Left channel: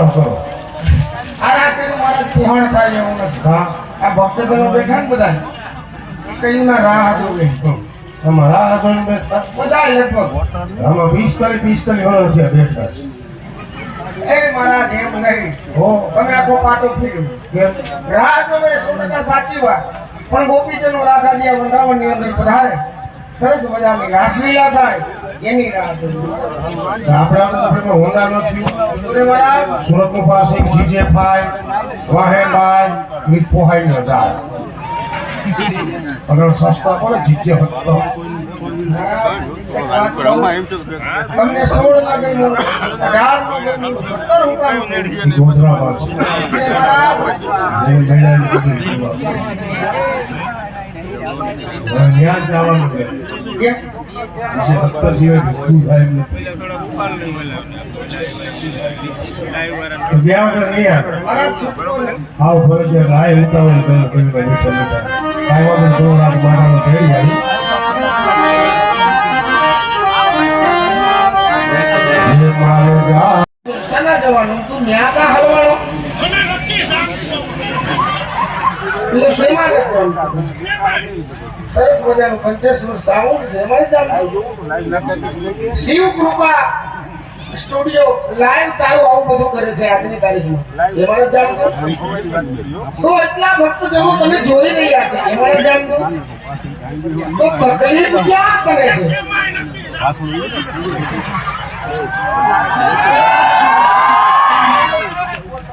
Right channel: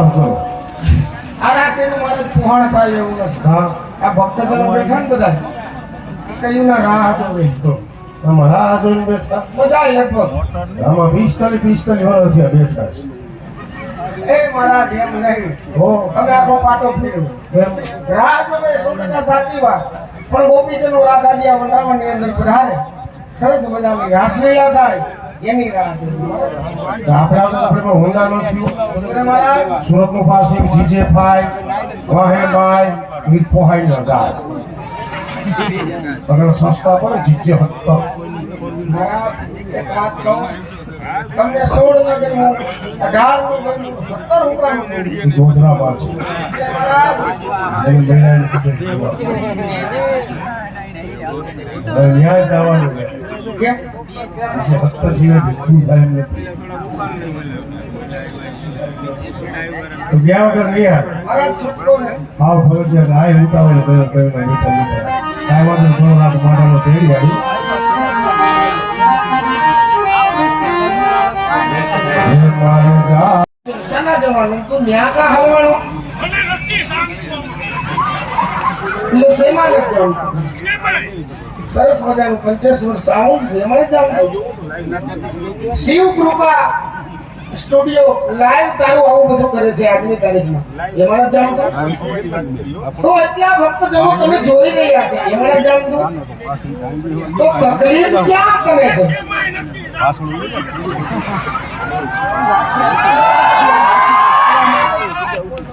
કરો કરો આ કયું મારા પુહાણ થાય એવું નથી. હા આ ભક્તજનો બેઠા ને બધા એ કયું ના રાહ હતો બેઠો તમારા આ જોઈને બેઠા બધા લગભગ આમાં 45 વર્ષ છે બેઠા છે. એ મહારાજ એમ નહીં હો તમે આખો પાટો ફેરવો રાહ જોવે 100% સાચી વાત પણ ગોપીજનો રાધાજી આ વૃંદાવનની અંદર પધારે સરસ મજાની રાસલીલા થાય એની રાહ જોવે. આપણે હોંડા નથી અરે મહારાજ સુરત નું પાસિંગ જીજે ફાઈ વાહેભાઈ મીઠ પોહાઈ ન જાય અગર સસ્તા પડે જીજે હતો મહારાજ એક વાત કહું તમને 16 ના ગમ્યું 18 નું ગમ્યું 17 હું કામ કર્યું? ગોધરા પાસે અરે મહારાજ જઈ મેળાની કીધું ત્યાં જવાનું છે કેમ? જે 70 સિવાય બીજું થાય એમ નથી તો ગયા વગર નહીં આવે મહારાજ છૂટકો ને આવ ફરજિયાત રાય ઉતાવળ કર્યો મીઠા મીઠા કાયમાં થોડો રાત મારાનો તેડી આવી મારો જા સના જવાનું તું ન્યા કા હલવાણો એટલે શેમાં લખવાનું? સરસ મજાનું પંચેશ્વર સાઉન્ડ છે એમાં જાણ શિવ કૃપા સ્ટુડિયો લાઈવ તારું આવું બધું કરે છે આજની તારીખમાં એમાં જાણ તો એટલા ભક્તજનો તમે જોઈ રહ્યા છે એમાં જાણ તો તકલીફ ક્યાં કરે છે?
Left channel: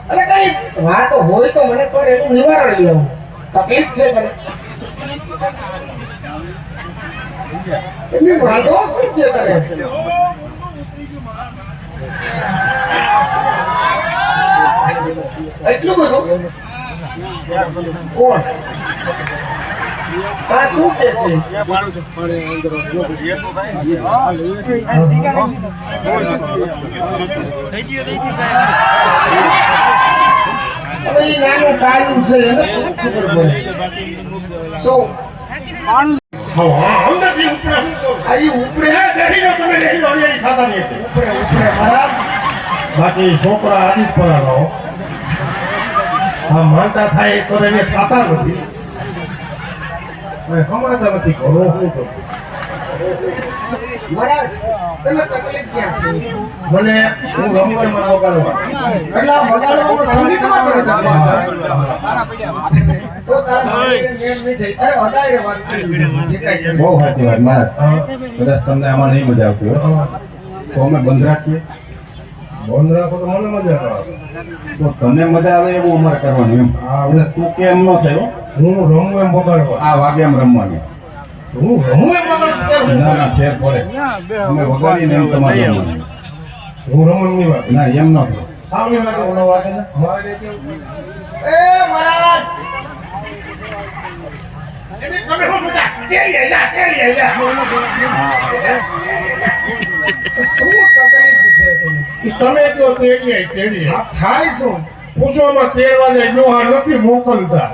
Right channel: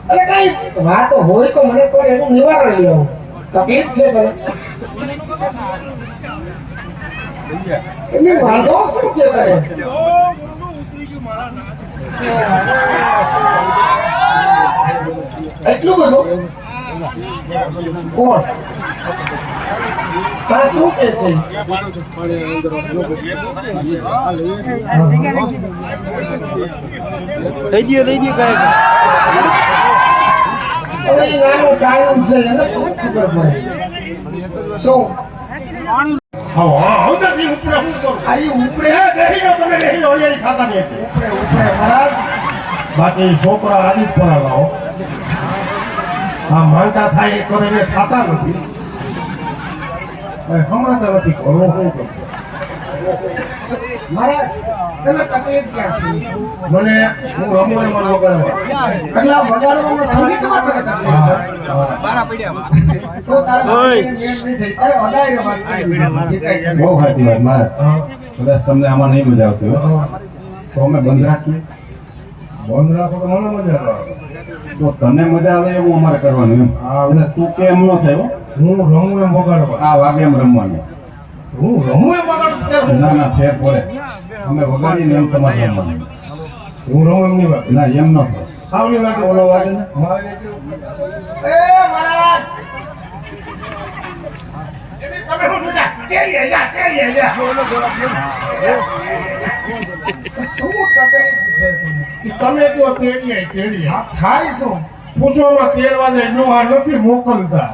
અરે કઈ વાત હોય તો મને પર એનું નિવારણ લેવું તકલીફ છે મને એમની વાંધો શું છે તારે? એટલું બધું કોણ તા શું કે છે? હવે એ નાનો ટાઈમ છે એને શું ખબર પડે? શું હા અંદરથી ઉપરે હું કરું આઈ ઉપરે બેસી જાઓ તમે બેસી જાઓ એ ખાતા નહીં ઉપરે મહારાજ બાકી છોકરા આદિત પરાવો આ માનતા થાય એક તો એને ખાતા નથી હમણાં નથી કરો શું કરું મહારાજ તને તકલીફ ક્યાં છે? મને હું રમવામાં વગાડવા એટલે આ વગાડવામાં સંગીતમાં તને તકલીફ છે? તો તારા મેં નહીં થઈ અરે વગાડી વાત બહુ સાચી વાત મહારાજ કદાચ તમને આમાં નહીં મજા આવતી હોય તો અમે બંધ રાખીએ બંધ રાખો તો મને મજા આવે તો તને મજા આવે એવું અમારે કરવાનું એમ એટલે તું કે એમ ન થયો હું રમું એમ વગાડવા આ વાગે એમ રમવાનું હું રમું એમ વગાડવા ના ના ફેર પડે અમે વગાડીને એમ તમારે રમવાનું હું રમું એમ નહીં વાત ના એમ ન થયો આવની વાત ઓલો વાગે ને મારે કેવું એ મહારાજ તમે શું સુધા તેલ લઈ જા શું તકલીફ છે તને? તમે કયો તેડી આ થાય શું? પૂછવામાં તેડવા જાય ડોહા નથી મોકલતા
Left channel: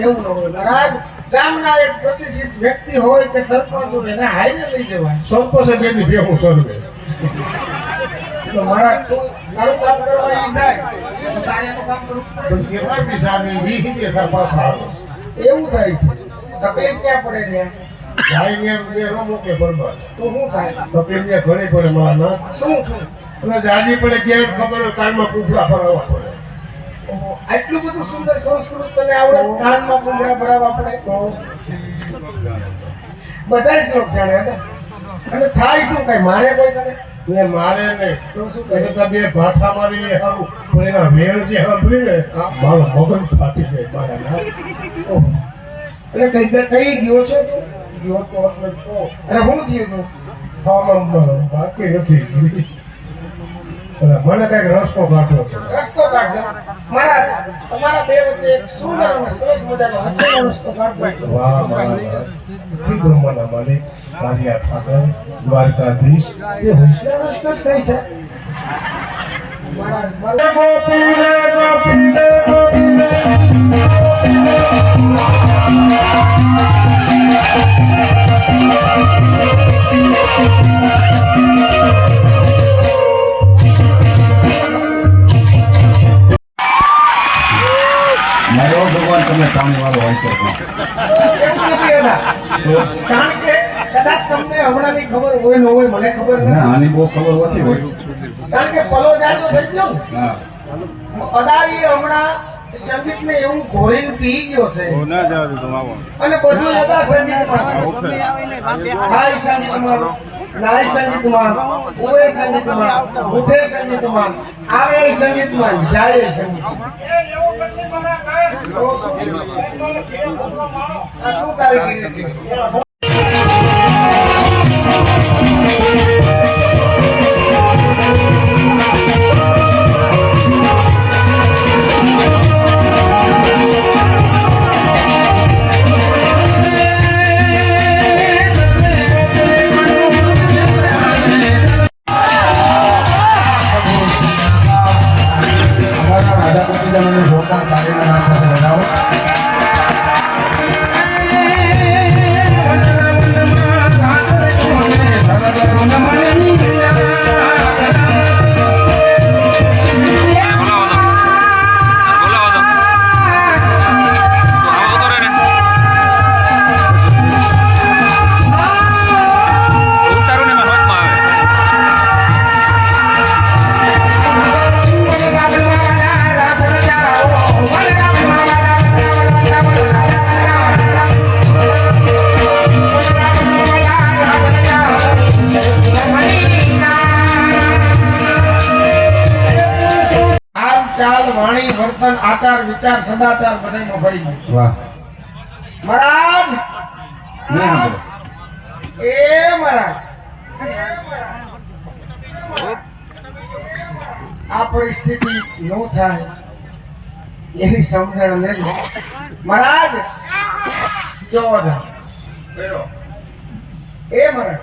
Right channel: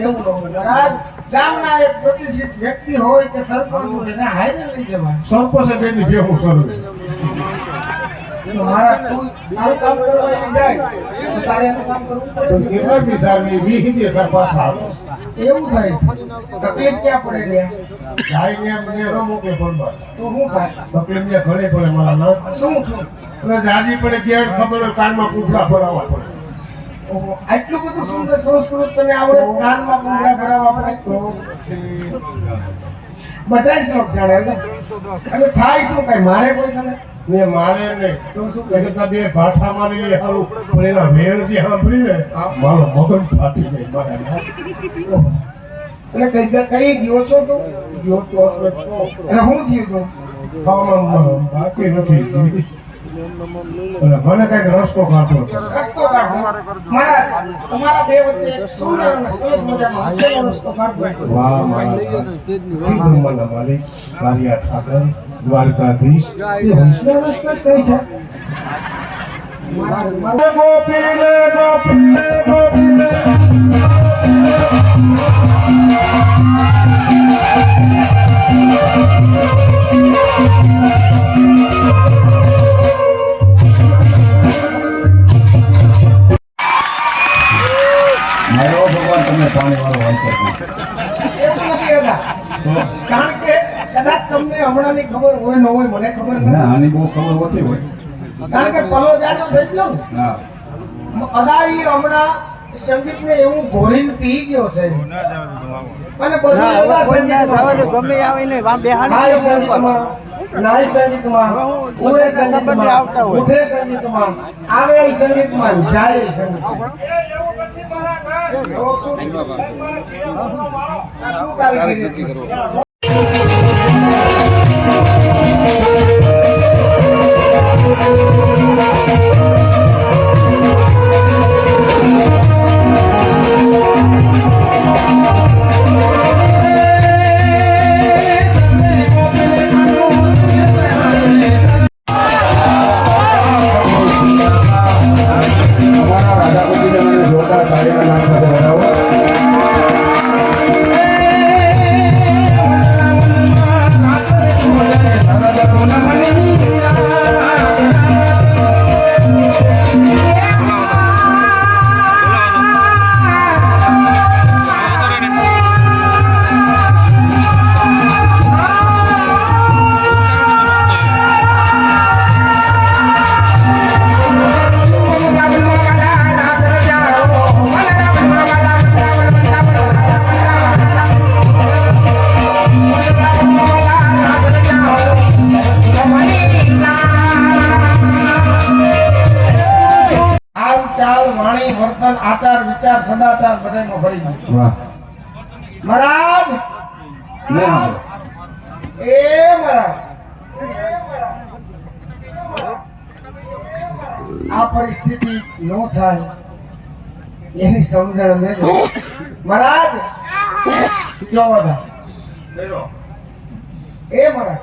એવું ન હોય મહારાજ ગામના એક પ્રતિષ્ઠિત વ્યક્તિ હોય કે સરપંચ હોય એને હાઈરે લઈ જવાય. સરપંચે બેની ભેગું સર્વે તો મારા તું મારું કામ કરવા ઈ જાય તો તારે એનું કામ કરવું તો પડે. કેટલાક દિશાની 20 દિશા પાછા આવે એવું થાય છે તકલીફ ક્યાં પડે લે? ભાઈને એમ કે રમો કે બરબાદ તો શું થાય? તકલીફ ને ઘણી પડે મારા ના શું થયું? અને જાજી પડે ગેર ખબર કાનમાં કુફડા ફરાવવા પડે ઓહો, આટલું બધું સુંદર સંસ્કૃત તને આવડે કાનમાં કુંડા ભરાવા પડે તો બધાય શ્લોક જાણે હતા. અને થાય શું કઈ મારે કોઈ તને ને મારે ને તો શું એને કરે? તો બે ભાઠા મારીને હારું પણ એના વેણ જે સાંભળી ને મારો મગજ ફાટી જાય મારા ના એટલે કઈ ગયો છો તું? જો તો આપણે તો અને શું થયું તું? ખાવામાં બાકી નથી અને મને કઈક રસ્તો કાઢવો છે રસ્તો કાઢો મારા તમારા બે વચ્ચે એક સુંદર અને સરસ મજાનો હચેલો રસ્તો કાઢો. વાહ મારા બ્રહ્માના માલિક કાર્યા ઠાકર દ્વારકાધીશ તે વૈષ્ણવ રસ્તો જ કઈ છે મારા ગોપી લે ગોપી વાળો answer પણ. એવું નથી હતા. કારણ કે કદાચ તમને હમણાંની ખબર હોય ન હોય મને ખબર ના નથી. આની બહુ ખબર ઓછી હોય. કારણ કે પલો જાજો થઈ ગયો ને. હા અદાઈ હમણાં સંગીતને એવું ઘોરીને પી ગયો છે અને બધું એવા સંગીતમાં હા એ સંગીતમાં નાય સંગીતમાં ઉવે સંગીતમાં ઉઠે સંગીતમાં આવે એ સંગીતમાં જાય એ સંગીતમાં આ શું કારીગરી છે? રાધા ગોપીચંદ જોરદાર તાળીના નામ સાથે વધાવો. વર્તન આચાર વિચાર સદાચાર બધેમાં ભરી ગયું. વાહ મહારાજ નહીં સાંભળો. એ મહારાજ આ પરિસ્થિતિ નો થાય એની સમજણ લેજો. મહારાજ જો બધા એ મહારાજ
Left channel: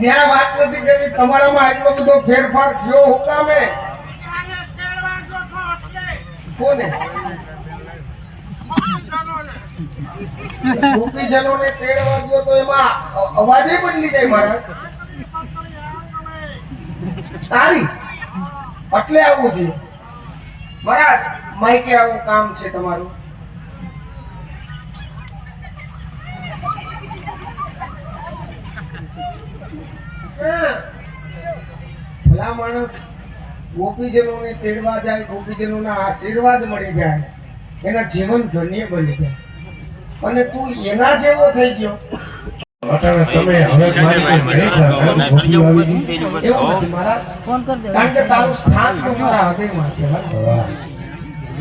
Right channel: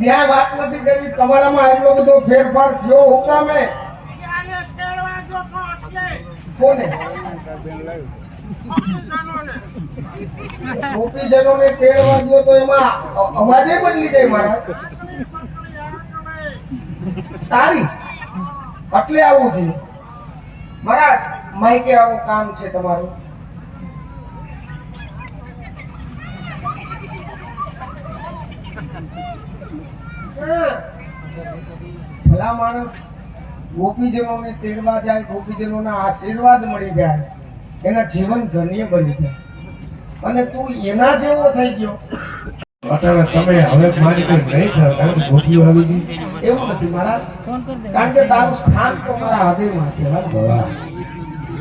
ન્યાય વાત નથી કરવી. તમારામાં એટલો બધો ફેરફાર થયો હું કામે કોને ગોપીજનોને તેડવા ગયો તો એમાં અવાજે બદલી જાય મહારાજ. તારી એટલે આવું થયું મહારાજ. માઈકે આવું કામ છે તમારું. ભલા માણસ ગોપીજનોને તેડવા જાય, ગોપીજનોના આશીર્વાદ મળી જાય, એના જીવન ધન્ય બની જાય અને તું એના જેવો થઈ ગયો. અટાણે તમે હવે મારી કોઈ નહીં થાય કારણ કે ગોપીઓ આવી ગઈ. એવું નથી મહારાજ. કારણ કે તારું સ્થાન તો મારા હૃદયમાં છે. વાહ.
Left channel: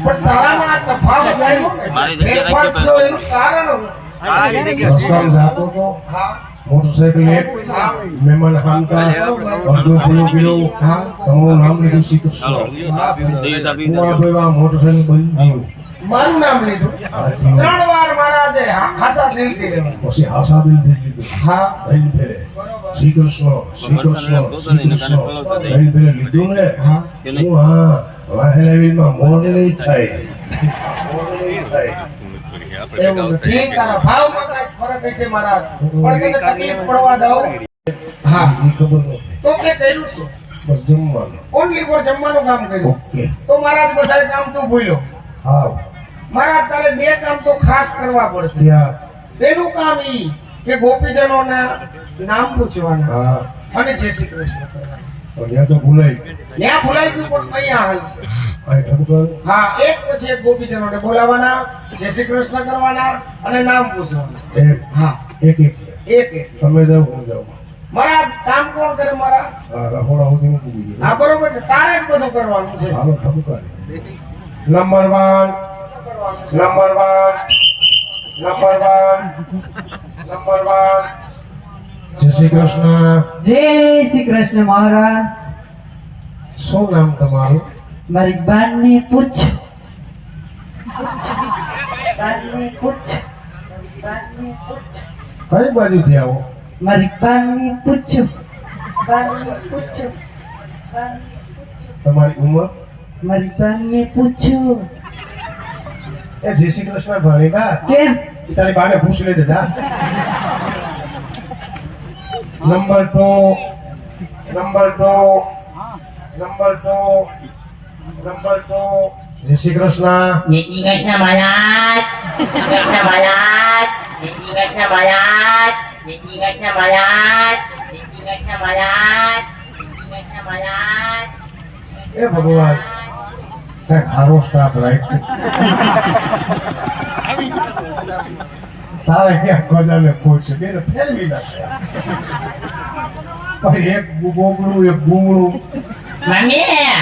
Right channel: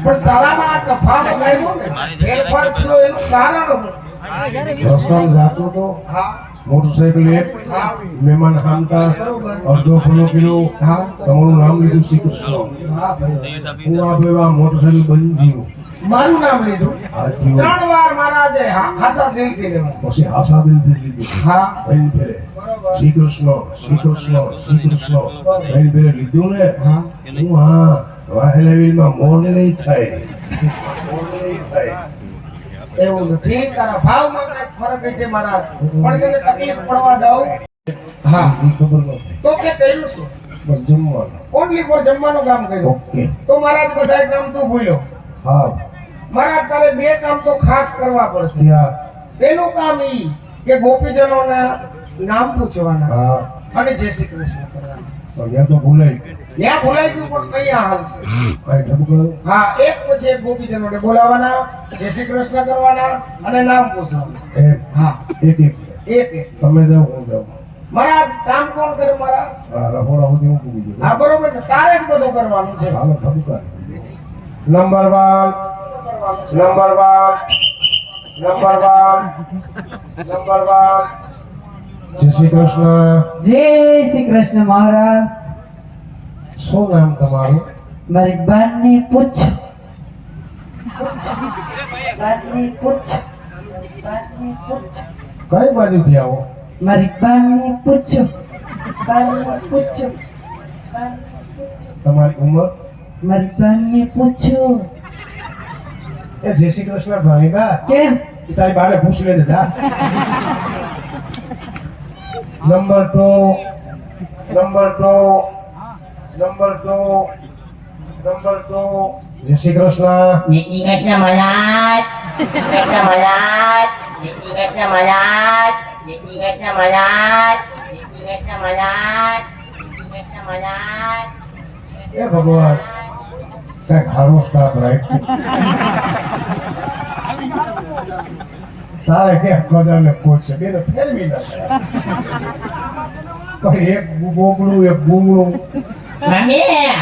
પણ તારામાં આ તફાવત આવ્યો ને, ફેરફાર થયો એનું કારણ રસ્તામાં જાતો તો હા મોટરસાઇકલ એક મહેમાન હામતા અડધો પૂરો કિલો તમારું નામ લીધું શ્રી કૃષ્ણ. હું આપણે આ મોટરસાઇકલ બંધ ગયું મારું નામ લીધું. હાથી 3 વાર મહારાજે હાસા દિલથી લેવાનું. પછી આશા દિલથી લીધું. હા એમ ફેરે શ્રી કૃષ્ણ શ્રી કૃષ્ણ શ્રી કૃષ્ણ એમ ફેરે લીધું ને. હા હું હા વાહેલાવીમાં મોડ નહીં થાય. મોડ નહીં થાય. એવું નથી. તારા ભાવમાં કાંઈક ફરક હશે મહારાજ, પણ તને તકલીફ પડવા દઉં. હા એ ખબર નથી. તો કે કર્યું શું? બસ જમવાનું. ઓનલી ફોર જમવાનું કામ કર્યું. ઓકે. તો મહારાજ બધા કામ તું ભૂલ્યો. હા મહારાજ તારે 2 કામ તો ખાસ કરવા પડશે. યાર. પેલું કામ ઈ કે ગોપીજનોના નામ પૂછવાના હા અને જય શ્રી કૃષ્ણ કરવાના. ત્યાં તો ભૂલાઈ ત્યાં ભૂલાઈ ગયું પણ અહીંયા હાલશે. આ ઠપકર. હા એક પછી એક ગોપીજનોને બોલાવવાના, જય શ્રી કૃષ્ણ કરવાના અને નામ પૂછવાના. એક હા એક એક એક એક. તમે જાઓ હું જાઉં. મહારાજ કામ કોણ કરે મહારાજ? આ રહોડા સુધી હું પૂરી ગયો. હા બરોબર છે. તારે જ બધું કરવાનું છે. હાલો ઠપકર. નંબર 1 નંબર 1 નંબર 1 નંબર 1 જય શ્રી કૃષ્ણ. જય શ્રી કૃષ્ણ મહારાજ. શું નામ તમારું? મારી બાની પૂછ. બાની પૂછ. બાની પૂછ. કઈ બાજુથી આવો? મારી બાની પૂછ. બાની પૂછ. તમારી ઉંમર? મારી બાની પૂછો. એ જય શ્રી કૃષ્ણ ભાણી બા. કેમ? એ તારી બાને પૂછ લે જા. નંબર 2 નંબર 2 નંબર 2 નંબર 2 જય શ્રી કૃષ્ણ. નીતિગતના મહારાજ, નીતિગતના મહારાજ, નીતિગતના મહારાજ, નીતિગતના મહારાજ, નીતિગતના મહારાજ, નીતિગતના મહારાજ. એ ભગવાન કઈક સારો સ્ટાફ રાખ. તારે ક્યાં ખોદાને પૂછશે બેને ફેરવી નાખે. કઈ એક ગોગડું એક ગુંગળું. મમ્મી,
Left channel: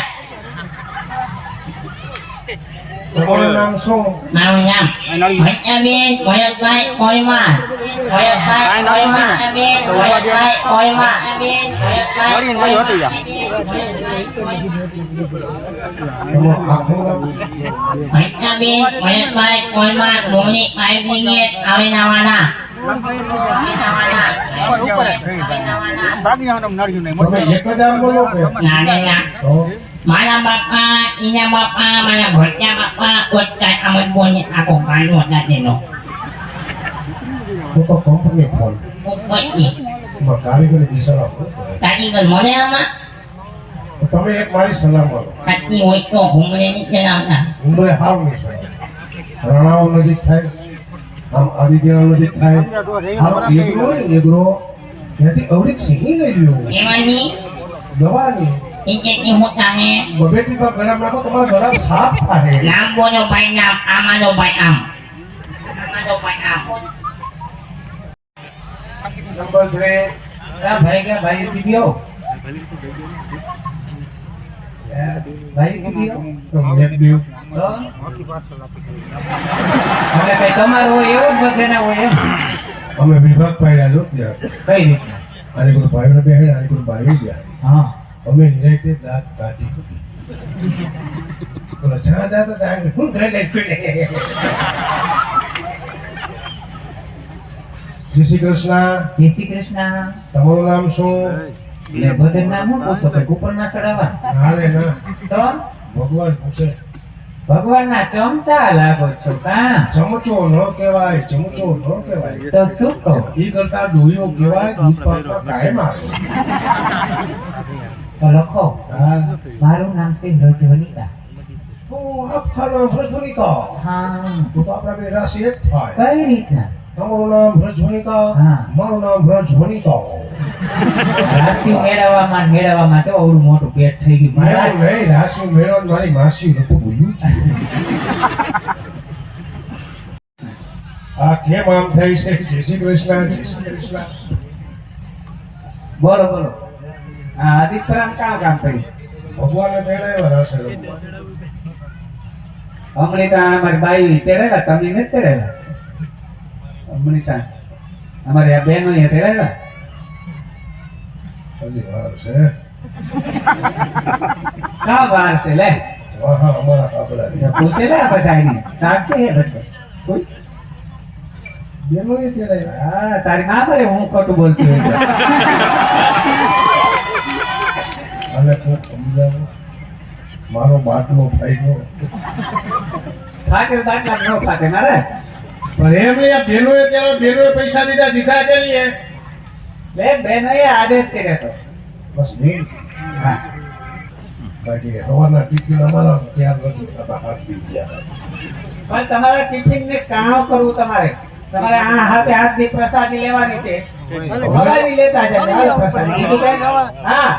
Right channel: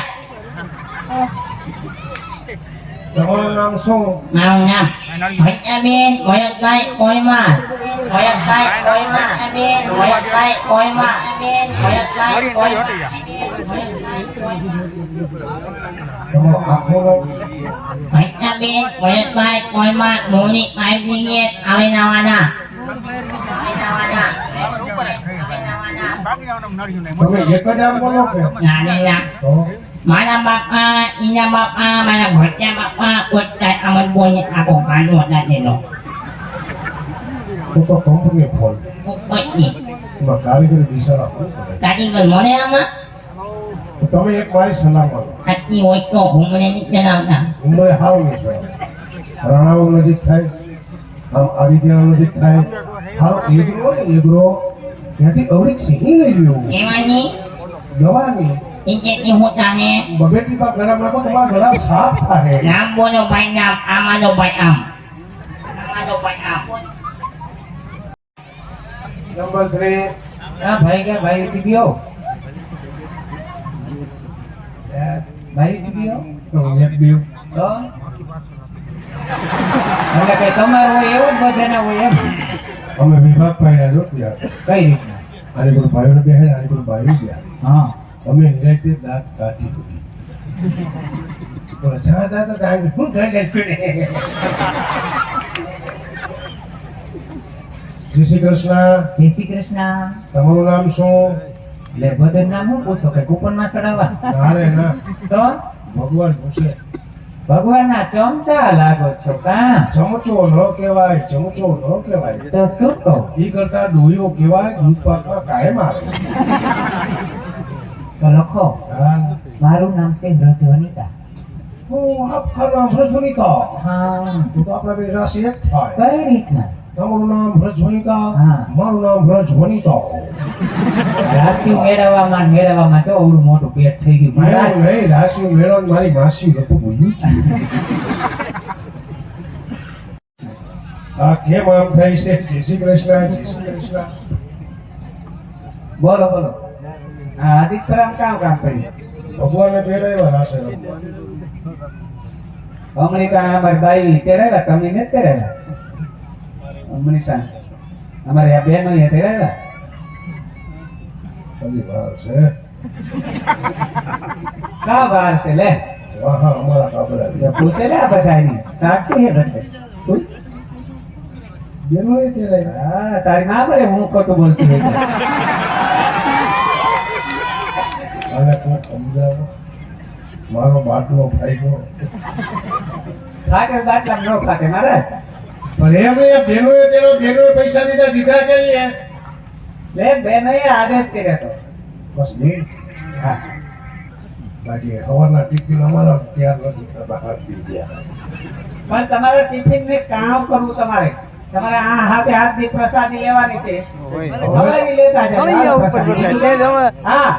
તમારું નામ શું? મારું નામ ભૈયાબેન ભરતભાઈ કોઈમા. ભરતભાઈ કોઈમા. બેન ભરતભાઈ કોઈમા. બેન ભરતભાઈ કોઈમા. તમારું આખું નામ? ભૈયાબેન ભરતભાઈ કોઈમા. મોની ફાઈવ બ્રિગેડ આવે નવાના. તમે એક જ આમ બોલો કે નાના તો મારા બાપા, ઈના બાપા, મારા ભટ્યા બાપા, કોઈ આમદ બોલને આખો કાંડો દાદેલો. તો કંપની ફોન કોઈ એમાં કારીગરી દિશા આપો. કારીગર મળે આમાં તમે એક મારી સલાહ કરો. ખાતી હોય તો ભૂંગળે નહીં ચલાવતા. ઉંમરે હાવ નહીં થાય. રાણાઓ નજીક થાય, આમ આદિત્ય નજીક થાય. હાવ એગ્રો હોય ને એગ્રો ત્યાંથી અવળીક સિંહી લઈ લ્યો. એમાંની દવાની ઇજ્જતની હોતા ને બબે ટીપા ગળામાં નાખો તમારા ગળા સાફ થાય. નામ બોલો ભાઈ નામ, આમાંનો ભાઈ આમ. આમાંનો ભાઈ આમ. નંબર 3 કા ભાઈ ગયા ભાઈ દીયો ભાઈ દીયો એક બીજું તો એટલે કઈ તમારું હોય એવું જ બધાના હોય એમ અમે વિભાગ પાડ્યા જો ત્યાં કઈ રીતના આની કોઈ ભાઈઓને બહેન આની કોઈ ભાઈ ગયા હા અમે નિરાયતે દાંત કાઢી મૂકી. બોલો છા દાંત દાંત શું ગાય ગાય કરે. જય શ્રી કૃષ્ણ. જય શ્રી કૃષ્ણ તમારું નામ શું? એટલે બધાનું નામ હું પૂછો કે કુપન ના ચડાવવા ના રે ના, તો ભગવાન પૂછે. ભગવાનના ચમચા લાગો છો કા ચમચો ન કહેવાય, ચમચો ન કહેવાય. તો શું કહો ઈ કરતા ડોયો કહેવાય. દૂધ પાકમાં કાયમ આવે. તો લખો હા મારું નામ છે રજવનિતા હું આપ ખાનો ભ્રજવનિકા. હા તો આપણા બે રાશિ એક થાય. કઈ રીતના તમારું નામ ભ્રજવનિકા, હા. મારું નામ ભ્રજવનિતા. રાશિ મેળવવામાં તો અવળું મોટું પેટ થઈ ગયું મેળો મહારાજ નહીં, રાશિ મેળો ને મારી માસી હતું બોલ્યું. આ કેમ આમ થઈ છે? જય શ્રી કૃષ્ણ. જય શ્રી કૃષ્ણ. બોલો બોલો હા આદિત્યરામ કામ કર્યું ભગવાને તેડાવ્યા રાશે લોકો. અમૃતા અમારી બાઈ તેરેલા તમે નથી તેરેલા અમૃતા અમારી આ બહેનો એ તેરેલા હજી વાર છે. કા વાર છે લે હા હા, અમારા કાબરા છે. પૂછે ને આ બધાની સાક્ષી હે બધે પૂછ બેનોએ તેડાવ્યા. હા તારી ના ભાઈ હું ખોટું બોલતી હોય તો. આને કોક સમજાવો. મારો બાટલો ફાટ્યો. ફાટે બાટલા નો ફાટે મહારાજ પણ એમ એ બેનોએ પૈસા દીધા કે નહીં? લે બહેનોએ આદેશ કર્યો હતો બસ નહીં. હા બાકી હવાના ટિફિન અમારા તૈયાર નથી થતા. હાથ પી ગયા. પણ તમારે ટિફિન ને કામ કરવું તમારે તમારે આ હાથે હાથની પ્રસાદી લેવાની છે તમારી લેતા જાય હા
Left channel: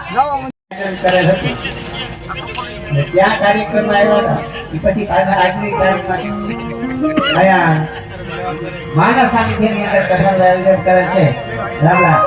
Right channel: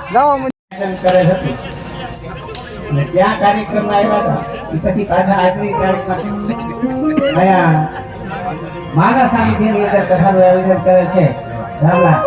કરે હતી ને ત્યાં કાર્યક્રમ આવ્યા હતા એ પછી પાછા આજની તારીખમાં આયા માના સાનિધ્યની અંદર કથાનું આયોજન કરે છે રામ રામ